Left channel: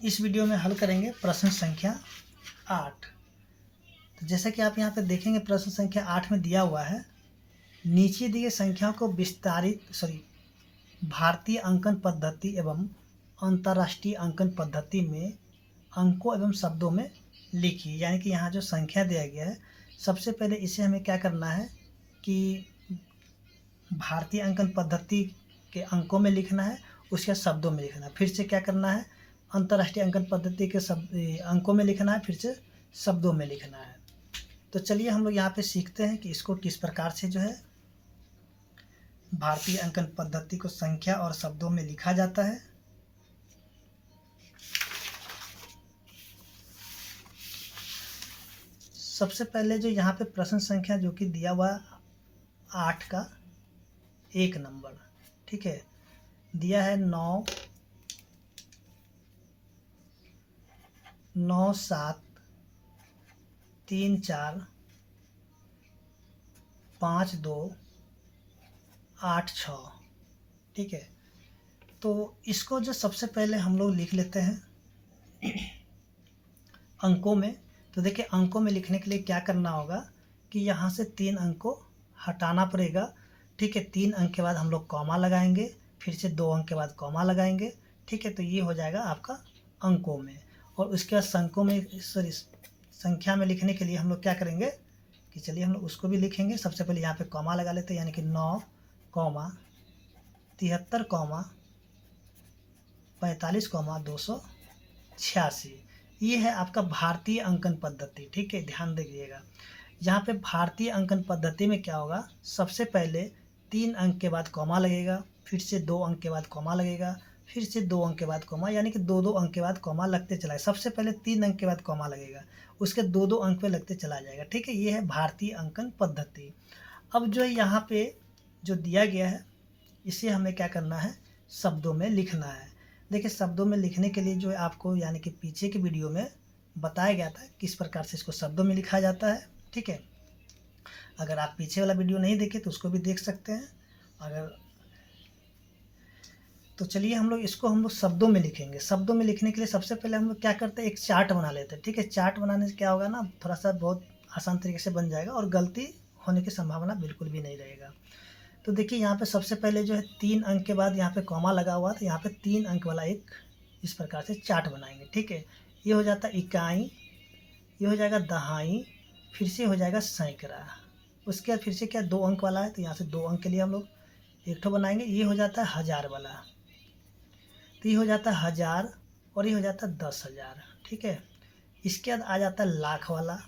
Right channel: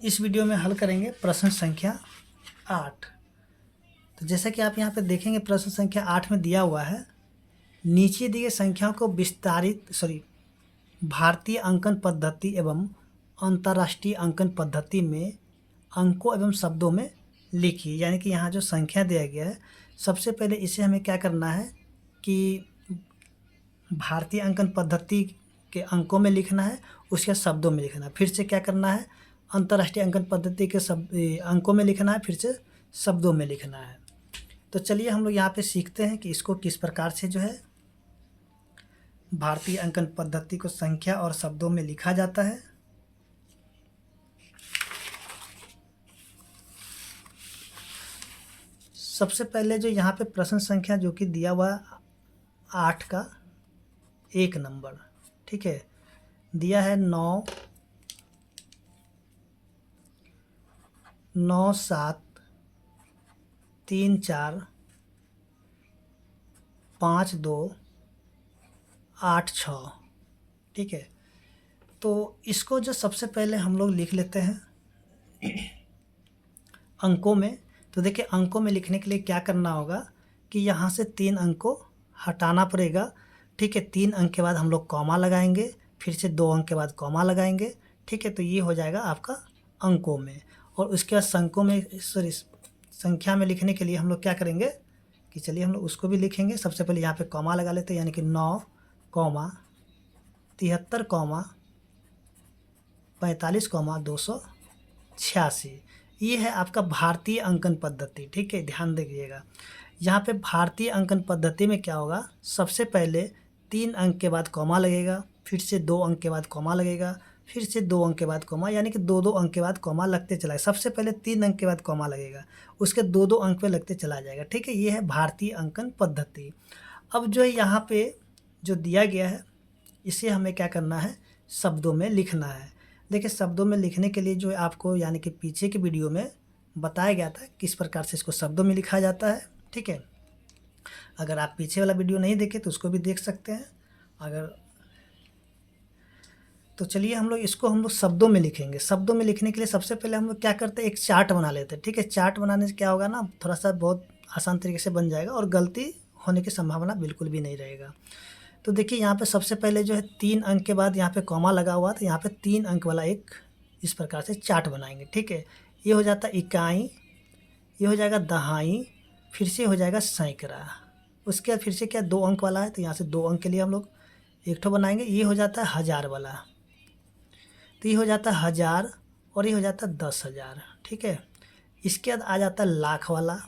इस वीडियो में हल करेंगे प्रश्न संख्या 8। तो जैसा कि आप यहाँ पे देखेंगे प्रश्न संख्या 8 में दिया हुआ है, नीचे दी गई संख्याओं को भारतीय अंकन पद्धति एवं अंतर्राष्ट्रीय अंकन पद्धति में अंकों एवं शब्दों में लिखिए। यानी कि यहाँ जो संख्या दिया गया है, सबसे पहले इसे हमें क्या करना है कि भारतीय अंकन पद्धति के अंकों में लिखना है, उसके शब्दों में लिखना है। फिर से क्या करना है, अंतर्राष्ट्रीय अंकन पद्धति के अंकों में लिखना है, फिर से शब्दों में लिखना है। तो चलिए हम लोग यहाँ पे सीखते हैं कि इसको किस प्रकार से जो है भारतीय अंकन पद्धति को संख्या और शब्दों में लिखा जाता है। सबसे पहले जो यहाँ पे प्रश्न संख्या जो कि दिया हुआ 8 का 1 नंबर, ठीक है, दिया है 9 9 7 3 4 5 2 8 6, ठीक है। तो इसको जो सबसे पहले हम लोग लिख लेते हैं अंकों में। तो देखिए अंकों में लिखने के लिए क्या करना होगा कि यहाँ से 3 अंक को हटाना पड़ेगा, ठीक है। 3 अंक के बाद हम लोग कॉमा लगाएंगे, फिर से 2 अंक के बाद कॉमा लगाएंगे, ठीक है। तो ये हो जाएगा आपका अंकों में। और उसके बाद संख्या में लिखने के लिए हम लोग क्या करेंगे कि चलिए हम लोग उसको भी लिखेंगे। सबसे पहले यहाँ पे कॉमा लगा लेते हैं, यानी कि 9 73 45 286। ये है आपका भारतीय अंकन पद्धति, ठीक है। ध्यान दीजिएगा, यहाँ पे भारतीय अंकन पद्धति में क्या होगा, सबसे पहले 3 अंक के बाद कॉमा लगेगा, फिर से 2 अंक के बाद कॉमा लगेगा, फिर से 2 अंक के बाद कॉमा, यानी कि 2-2 अंक के बाद कॉमा लगते चला जाएगा। सबसे पहले 3 अंक के बाद कॉमा लगेगा, उसके 2-2 अंक पे लगते चला जाएगा, ठीक है। ये है भारतीय अंकन पद्धति। अब जो यहाँ पे जो दिया गया है, इसे हमें क्या करना है, शब्दों में लिखना है। देखिए शब्दों में लिखने के लिए जो आपको यानी कि पीछे के वीडियो में बताया गया था किस प्रकार से इसको शब्दों में लिखा जाता है, ठीक है। अगर आप पीछे वाला वीडियो नहीं देखे तो उसको भी देख सकते हैं। तो चलिए हम लोग शब्दों में लिखेंगे। शब्दों में लिखने के लिए सबसे पहले हम लोग क्या करते हैं, एक चार्ट बना लेते हैं, ठीक है। चार्ट बनाने से क्या होगा ना, थोड़ा सा बहुत आसान तरीके से बन जाएगा और गलती होने की संभावना बिल्कुल भी नहीं रहेगा। तो देखिए यहाँ पे सबसे पहले जो है 3 अंक के बाद यहाँ पे कॉमा लगा हुआ, तो यहाँ पे 3 अंक वाला एक इस प्रकार से चार्ट बनाएंगे, ठीक है। ये हो जाता है इकाई, ये हो जाएगा दहाई, फिर से हो जाएगा सैकड़ा। उसके बाद फिर से क्या 2 अंक वाला है, तो यहाँ से 2 अंक के लिए हम लोग एक ठो बनाएंगे। ये हो जाता है 1000 वाला, तो ये हो जाता है 1000 और ये हो जाता है 10,000, ठीक है। इसके बाद आ जाता है लाख वाला,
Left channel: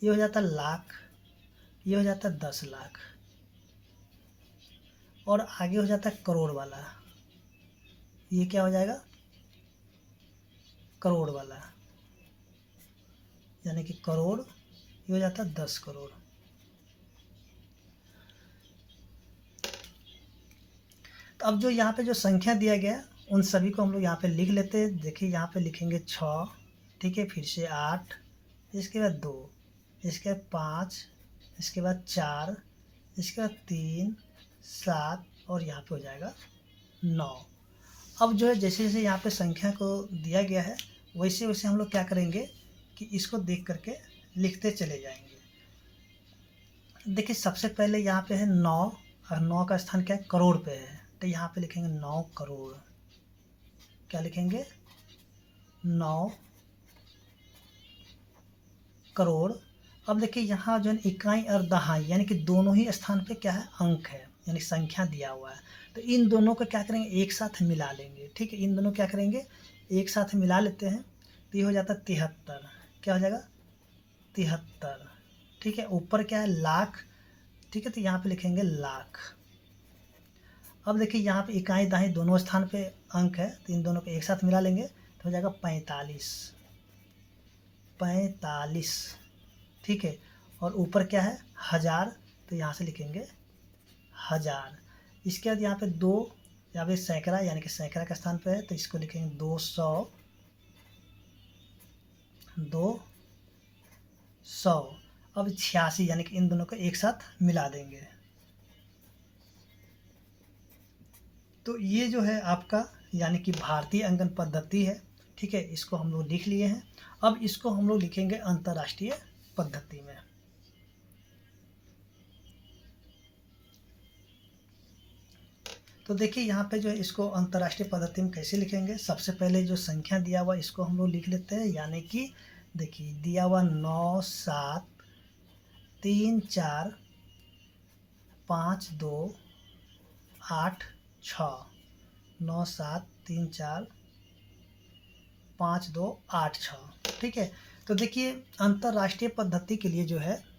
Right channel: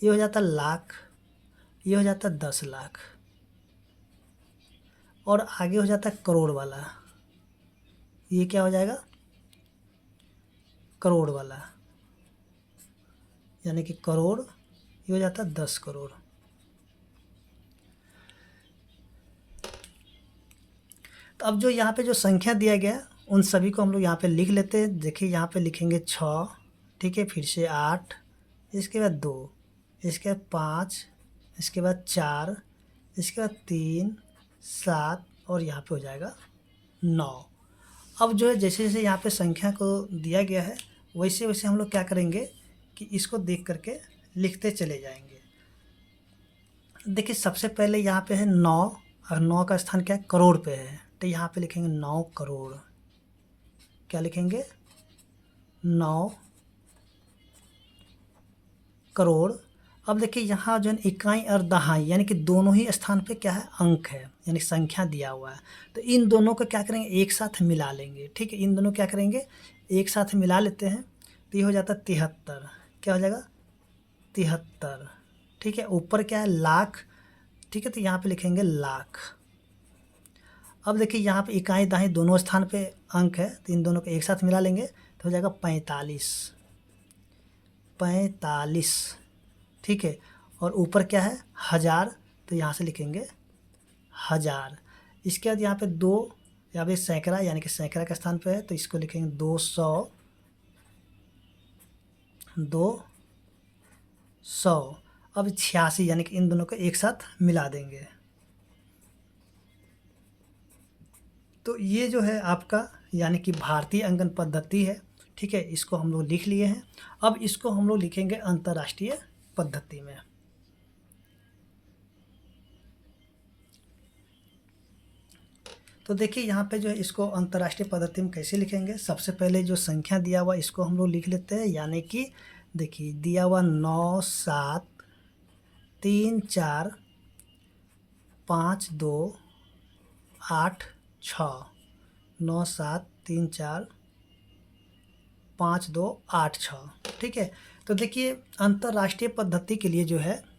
ये हो जाता है लाख, ये हो जाता है 10 लाख और आगे हो जाता है करोड़ वाला। ये क्या हो जाएगा, करोड़ वाला, यानी कि करोड़, ये हो जाता है 10 करोड़। तो अब जो यहाँ पे जो संख्या दिया गया उन सभी को हम लोग यहाँ पे लिख लेते हैं। देखिए यहाँ पे लिखेंगे 6, ठीक है, फिर से 8, इसके बाद 2, इसके बाद 5, इसके बाद 4, इसके बाद 3, 7 और यहाँ पे हो जाएगा 9। अब जो है जैसे जैसे यहाँ पे संख्या को दिया गया है वैसे वैसे हम लोग क्या करेंगे कि इसको देख करके लिखते चले जाएंगे। देखिए सबसे पहले यहाँ पे है 9 और 9 का स्थान क्या है, करोड़ पे है, तो यहाँ पे लिखेंगे 9 करोड़। क्या लिखेंगे, 9 करोड़। अब देखिए यहाँ जो है इकाई और दहाई, यानी कि दोनों ही स्थान पे क्या है, अंक है, यानी संख्या दिया हुआ है। तो इन दोनों को क्या करेंगे, एक साथ मिला लेंगे, ठीक है। इन दोनों क्या करेंगे, एक साथ मिला लेते हैं, तो ये हो जाता है 73। क्या हो जाएगा, 73, ठीक है। ऊपर क्या है, लाख, ठीक है, तो यहाँ पे लिखेंगे लाख। अब देखिए यहाँ पे इकाई दहाई दोनों स्थान पे अंक है, तो इन दोनों को एक साथ मिला लेंगे तो हो जाएगा 45, 45, ठीक है। और ऊपर क्या है, 1000, तो यहाँ से लिखेंगे 1000। इसके बाद यहाँ पे 2, यहाँ पे सैकड़ा, यानी कि सैकड़ा का स्थान पे है, तो इसको लिखेंगे 200, 200। अब 86, यानी कि इन दोनों को एक साथ मिला देंगे, तो ये जो है आपका यानी कि भारतीय अंकन पद्धति है, ठीक है, इसको हम लोग लिख लिए हैं। अब इसको हम लोग लिखेंगे अंतर्राष्ट्रीय पद्धति में। तो देखिए यहाँ पे जो है इसको अंतर्राष्ट्रीय पद्धति में कैसे लिखेंगे, सबसे पहले जो संख्या दिया हुआ इसको हम लोग लिख लेते हैं, यानी कि देखिए दिया हुआ 9 7 3 4 5 2 8 6, 9 7 3 4 5 2 8 6, ठीक है। तो देखिए अंतर्राष्ट्रीय पद्धति के लिए जो है,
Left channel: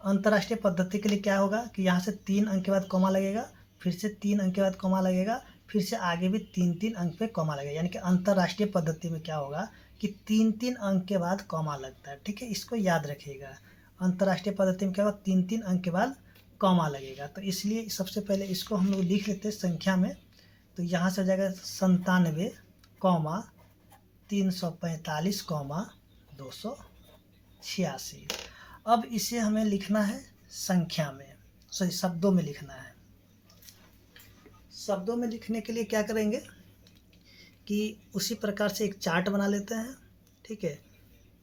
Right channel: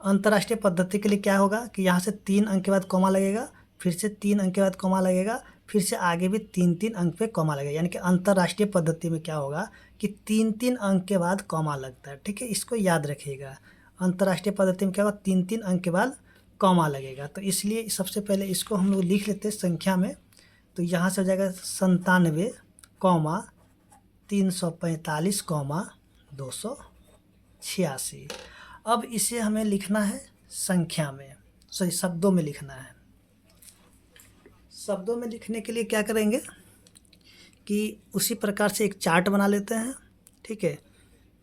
अंतर्राष्ट्रीय पद्धति के लिए क्या होगा कि यहाँ से 3 अंक के बाद कॉमा लगेगा, फिर से 3 अंक के बाद कॉमा लगेगा, फिर से आगे भी 3 अंक पे कॉमा लगेगा। यानी कि अंतर्राष्ट्रीय पद्धति में क्या होगा कि 3 अंक के बाद कॉमा लगता है, ठीक है, इसको याद रखिएगा। अंतर्राष्ट्रीय पद्धति में क्या होगा, 3 अंक के बाद कॉमा लगेगा। तो इसलिए सबसे पहले इसको हम लोग लिख लेते हैं संख्या में। तो यहाँ से हो जाएगा 97, 345, 286। अब इसे हमें लिखना है संख्या में, सॉरी शब्दों में लिखना है। शब्दों में लिखने के लिए क्या करेंगे कि उसी प्रकार से एक चार्ट बना लेते हैं, ठीक है।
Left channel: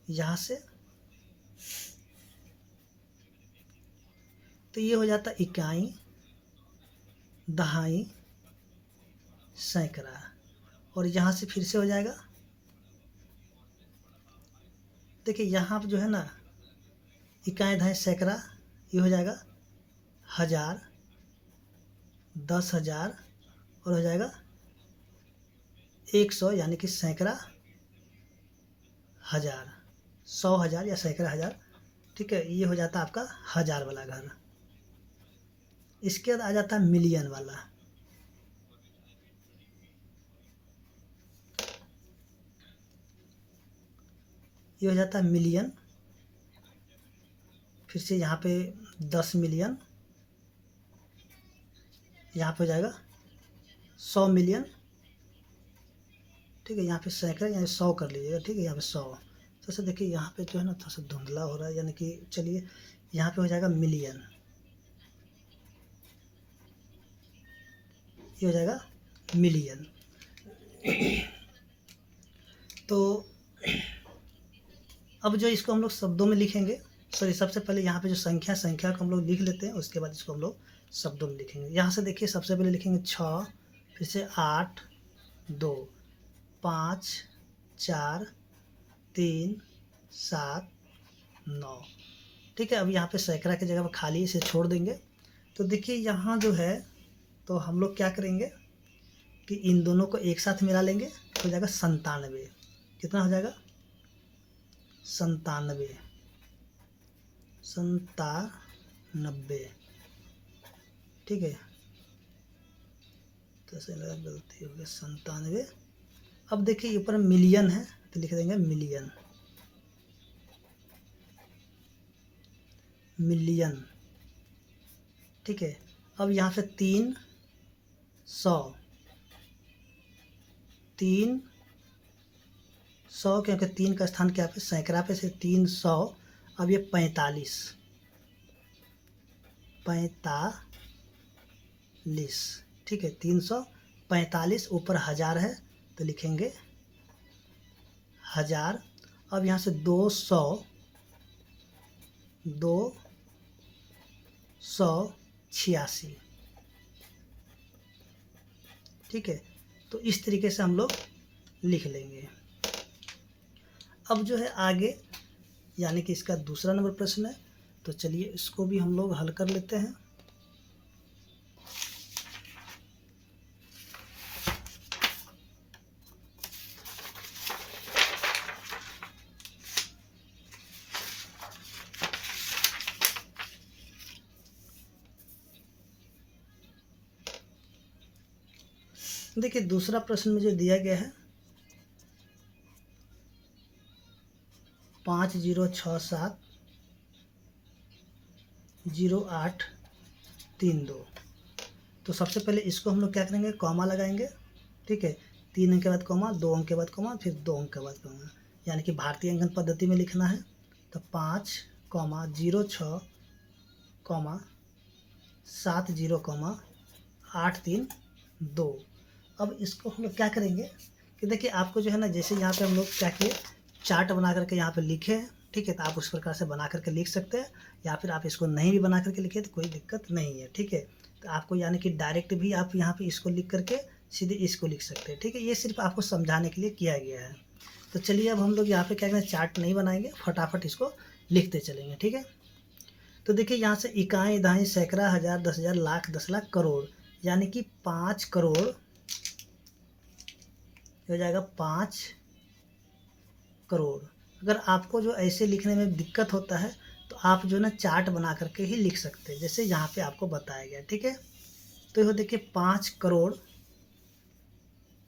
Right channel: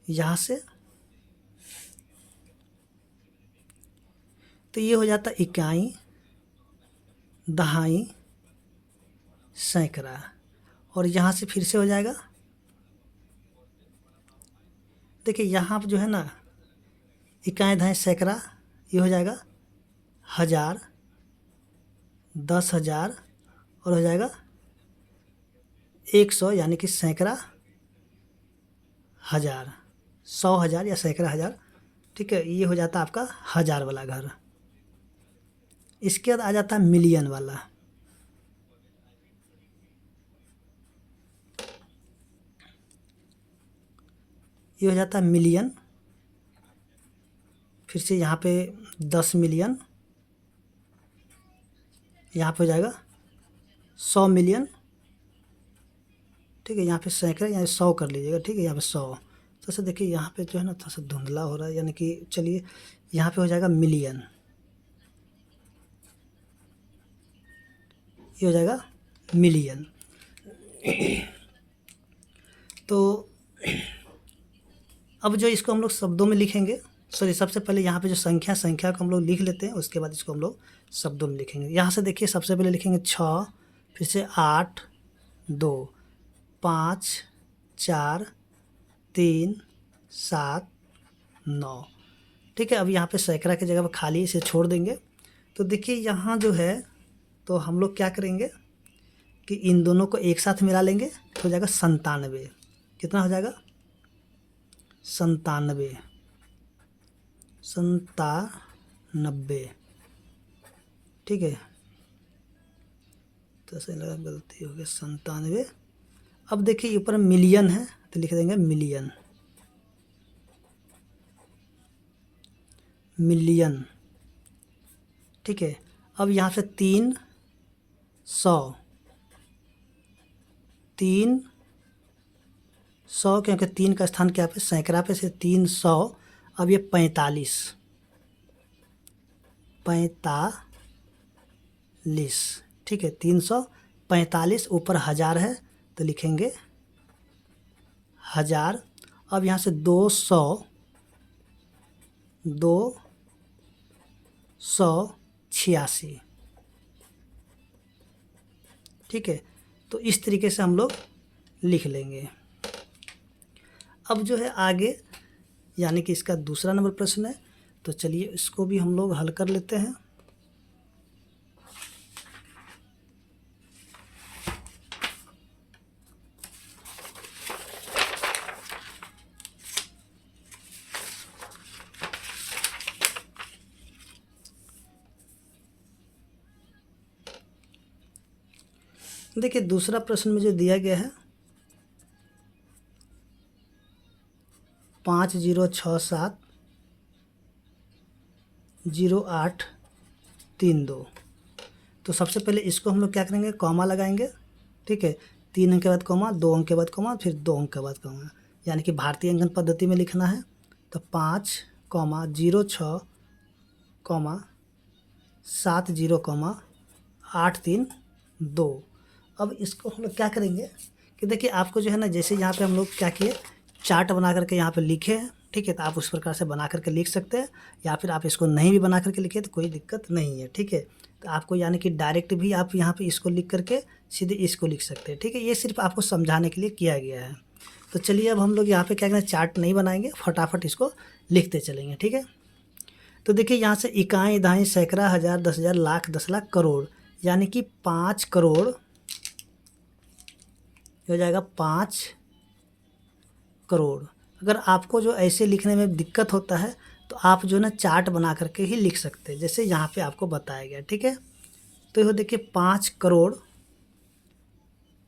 यहाँ से तो ये हो जाता इकाई, दहाई, सैकड़ा, और यहाँ से फिर से हो जाएगा, देखिए यहाँ पर जो है ना इकाई, दहाई, सैकड़ा, ये हो जाएगा 1000, 10,000 और हो जाएगा 100, यानी कि सैकड़ा हज़ार, 100,000 या सैकड़ा हज़ार, ठीक है। ये हो जाता है आपका 1000 वाला घर। इसके बाद आ जाता है मिलियन वाला। ये हो जाता है मिलियन, फिर से यहाँ पे 10 मिलियन, यहाँ पे हो जाएगा 100 मिलियन, ठीक है। यहाँ पे सैकड़ा, यहाँ 100 कर लीजिएगा, ठीक है, यहाँ पे 100। तो ऐसे देखिए यहाँ पे जो है ना थोड़ा सा धुंधला हो रहा है, यानी कि चलिए यहाँ पे हो जाएगा मिलियन, ये हो जाएगा मिलियन। तो अब जो इसको हम लोग शब्दों में लिखेंगे, सॉरी सबसे पहले यहाँ पे जो संख्या को हम लोग लिख लेते हैं, उसके बाद इसको हम लोग शब्दों में लिखेंगे। यहाँ से देखिए सबसे पहले लिखेंगे 6, फिर से 8 2 5 4 3 7 9, ठीक है। अब यहाँ पे सैकड़ा की जगह पर खाली इसे छोड़ देंगे। तो देखिए यहाँ जो है, तो हम लोग क्या करेंगे कि इन दोनों को एक साथ मिला लेंगे, तो हो जाएगा 97। कितना हो जाएगा, 97, 97, ठीक है। तो ऐसे लगा गलती हो गई, 97। अब देखिए ऊपर मिलियन है तो लिख देंगे मिलियन, मिलियन, ठीक है। अब यहाँ से 300, 300, क्योंकि 3 का स्थान क्या पे सैकड़ा पे, से 300। अब ये 45, 45, ठीक है, 345, ऊपर 1000 है तो लिखेंगे 1000। अब यहाँ से 200, 286, ठीक है। तो इस तरीके से हम लोग लिख लेंगे। अब जो है आगे, यानी कि इसका दूसरा नंबर प्रश्न है, तो चलिए इसको भी हम लोग हल कर लेते हैं। देखिए दूसरा प्रश्न में जो दिया गया है 50670832। तो सबसे पहले इसको हम लोग क्या करेंगे, कॉमा लगाएंगे, ठीक है। 3 अंक के बाद कॉमा, 2 अंक के बाद कॉमा, फिर 2 अंक के बाद कॉमा, यानी कि भारतीय अंकन पद्धति में लिखना है। तो 5,06,70,7 832। अब इसको हम लोग क्या करेंगे कि देखिए आपको जो है ना, जैसे यहाँ पे हम लोग क्या किए, चार्ट बना करके यहाँ पे लिखे हैं, ठीक है। तो आप उस प्रकार से बना करके लिख सकते हैं, या फिर आप इसको नहीं भी बना करके लिखे तो कोई दिक्कत नहीं है, ठीक है। तो आपको यानी कि डायरेक्ट भी आप यहाँ पे इसको लिख करके सीधे इसको लिख सकते हैं, ठीक है। ये सिर्फ आपको समझाने के लिए किया गया है। तो चलिए अब हम लोग यहाँ पे क्या करें, चार्ट नहीं बनाएंगे, फटाफट इसको लिखते चलेंगे, ठीक है। तो देखिए यहाँ से इकाई, दहाई, सैकड़ा, हज़ार, 10,000, लाख, 10,00,000, करोड़, यानी कि 5 करोड़ हो जाएगा, 5 करोड़। अगर आपको जो ऐसे लिखने में दिक्कत होता है तो आप जो ना चार्ट बना करके ही लिख सकते हैं, जैसे यहाँ पे आपको बताया गया, ठीक है। तो ये देखिए 5 करोड़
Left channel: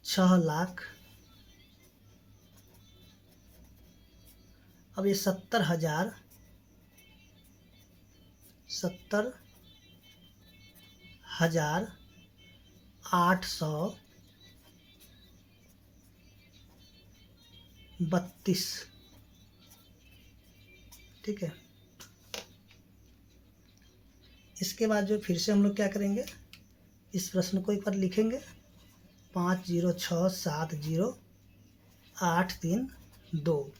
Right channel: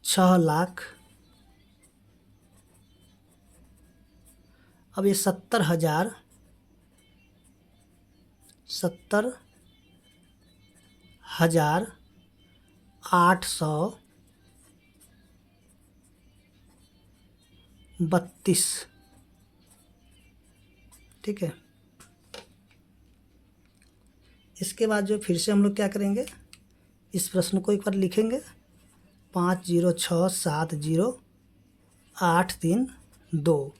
6 लाख, अब ये 70,000, 70,832, ठीक है। इसके बाद जो फिर से हम लोग क्या करेंगे, इस प्रश्न को एक बार लिखेंगे, 50670832।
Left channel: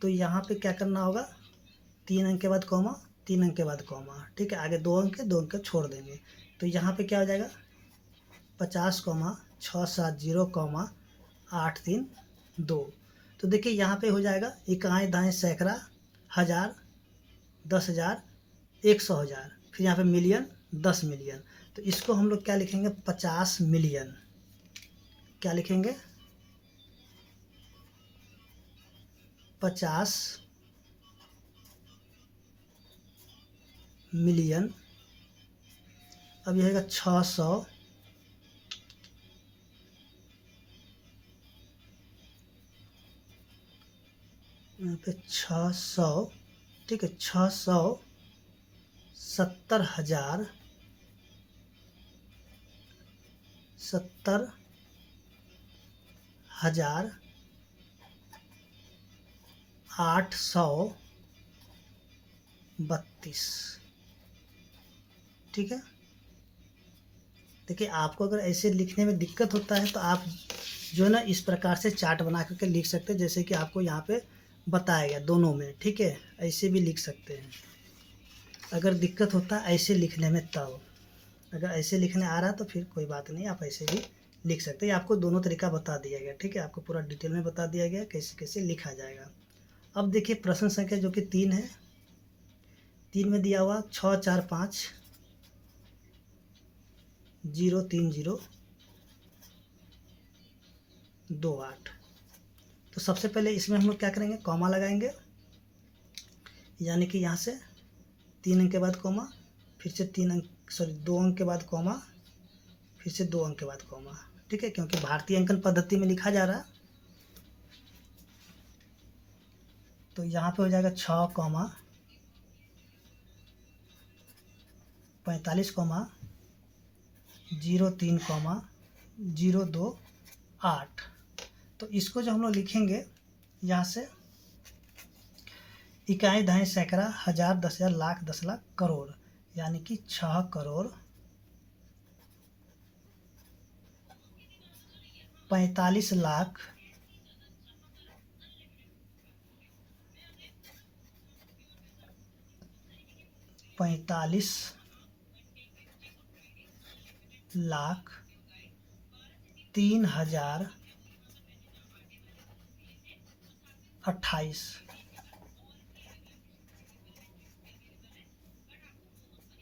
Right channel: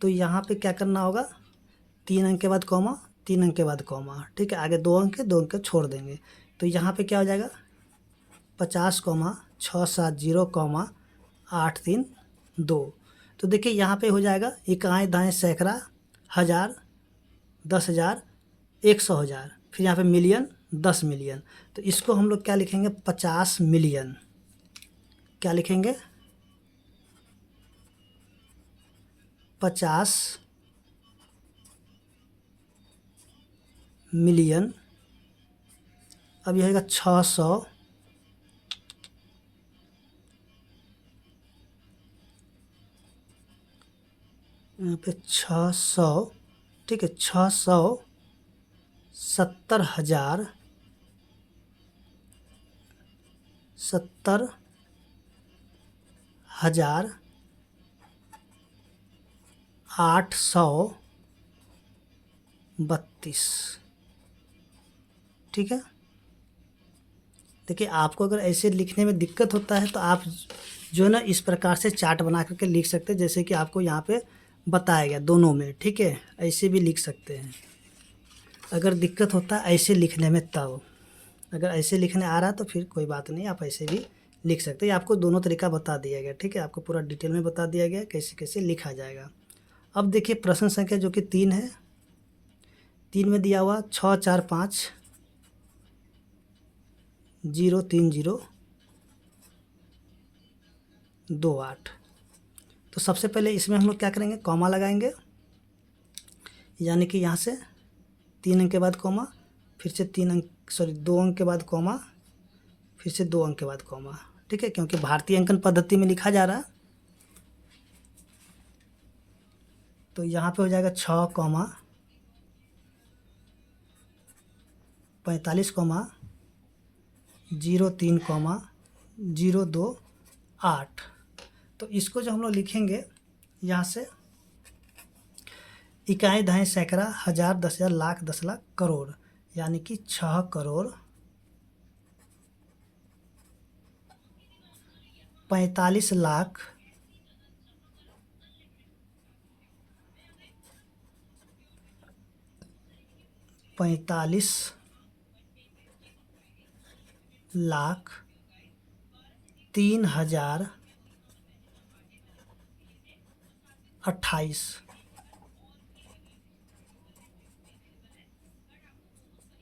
तो यहाँ पे क्या करना होगा, 3 अंक के बाद कॉमा, 3 अंक के बाद कॉमा, ठीक है। आगे 2 अंक है, 2 अंक छोड़ देंगे। तो यहाँ पे क्या हो जाएगा, 50,670,832। तो देखिए यहाँ पे हो जाएगा इकाई, दाएँ, सैकड़ा, हज़ार, 10,000, 100,000, फिर यहाँ पे मिलियन, 10 मिलियन। तो इसको हम लोग क्या लिखेंगे, 50 मिलियन। क्या लिखेंगे, 50 मिलियन। अब यह होगा 600, यहाँ पे 600, ठीक है, 670,000, 70,832, ठीक है। देखिए आपको अगर ऐसे लिखने में दिक्कत होता है तो आप जो है ना इस प्रकार से चार्ट बना करके लिख सकते हैं, जैसे कि आपको यहाँ पे बताया गया दोनों में, ठीक है। ऐसे भी लिख सकते हैं अगर दिक्कत होता है ऐसे लिखने में तब। अगर ऐसे लिखने आ रहा है तो फिर कोई बात नहीं, आप ऐसे भी लिख सकते हैं। आपको दोनों तरीका बता दिया गया, ठीक है। आपको पूरा डिटेल में बता दिया गया कैसे कैसे लिखा जाएगा। अब देखिए प्रश्न संख्या जो कि 3 है, 3 में दिया हुआ 645,030,28। तो सबसे पहले इसमें हम लोग क्या करेंगे, कॉमा लगाएंगे, यानी कि यहाँ से 3 अंक के बाद कॉमा, फिर से 2 अंक के बाद कॉमा, फिर से 2 अंक के बाद कॉमा, ठीक है, क्योंकि भारतीय अंकन पद्धति में लिखा जा रहा है। तो यहाँ पे हो जाएगा 6, 45, 03, 028। तो इसको जो हम लोग लिखेंगे यहाँ से इकाई, दहाई, सैकड़ा, हज़ार, 10,000, लाख, 10,00,000, करोड़, यानी कि 6 करोड़ 45 लाख 3,28,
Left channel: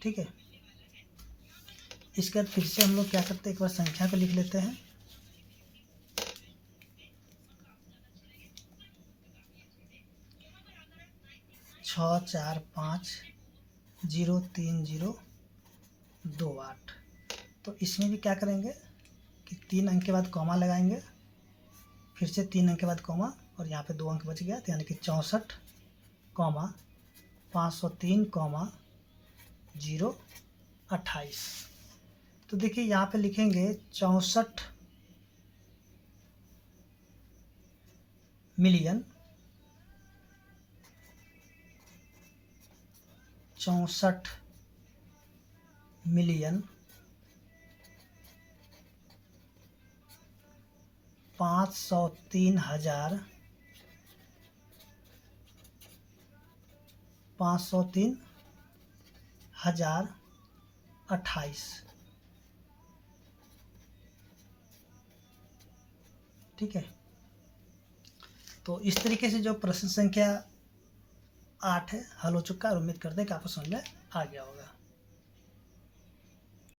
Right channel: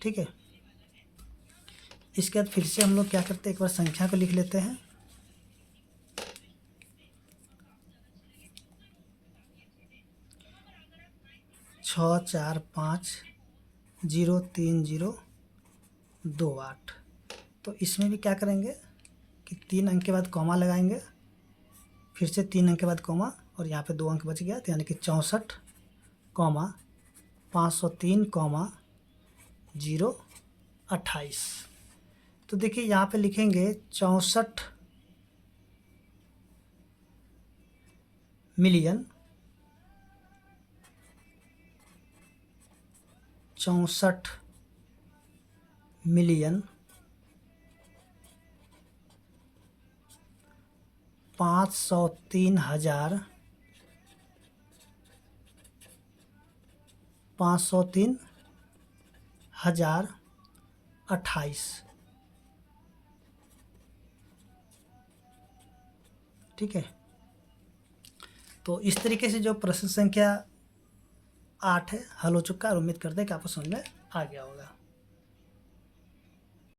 ठीक है। इसके बाद फिर से हम लोग क्या करते हैं, एक बार संख्या को लिख लेते हैं, 645,030,28। तो इसमें भी क्या करेंगे कि 3 अंक के बाद कॉमा लगाएंगे, फिर से 3 अंक के बाद कॉमा, और यहाँ पे 2 अंक बच गया, तो यानी कि 64, 503, 028। तो देखिए यहाँ पे लिखेंगे 64 मिलियन, 64 मिलियन 503,000 503,028। ठीक है, तो इस तरीके से जो प्रश्न संख्या 8 है हल हो चुका है और उम्मीद करते हैं कि आपको समझ में आ गया होगा।